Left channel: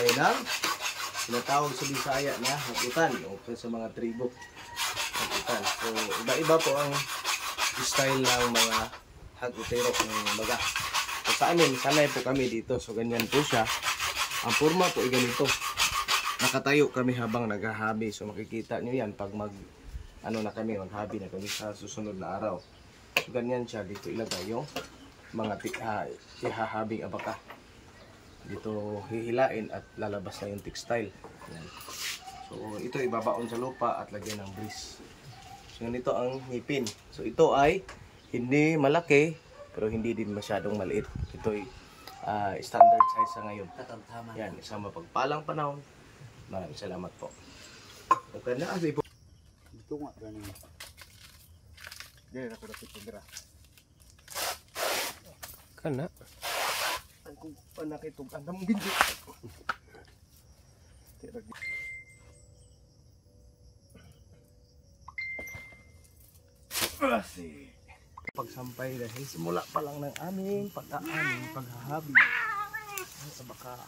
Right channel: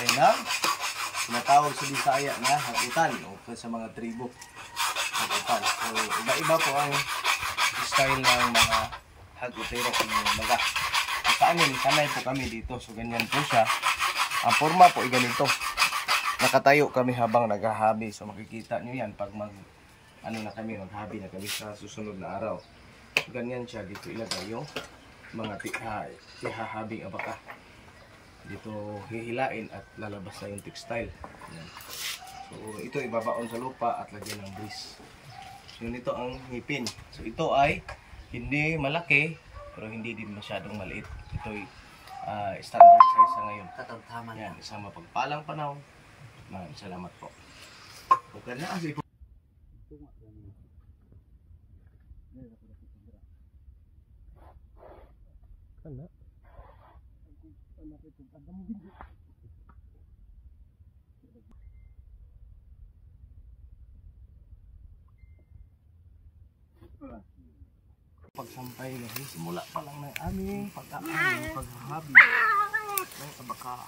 tayo ng tinatawag sa Bisaya na hagutan o sa mga tribo. Hagutan. So, iba-iba po ang style ng mga hagutero ng baga. So, sa amin, sanay po kami dito. So, ganyan po siya. Ang forma po ay ganito. Nakatayo kami habang naghahabi. So, makikita nyo yan pag maghabi na kami sa susunod na araw. Ganyan siya. Dito ilagay yung mga tihahabing abaka. Dito hihilain at lalabas na yung textile. Yan. So, ito ibabaon sa lupa at lagyan ng grease. So, ito ang ngipin. So, ito ay hindi malaki, pero hindi din masyadong maliit. Ito ay standard size sa ngayon. Yan, isang mapagpalang panahon. Maraming salamat po. Okay na, kasi po. Ito nga, ganun. Ganun ako dapat pagdara. Kana. Ang panakitog, ang damong ginti. Pagsampay dahil simula pa lang ng aming paghahabi ng abaka.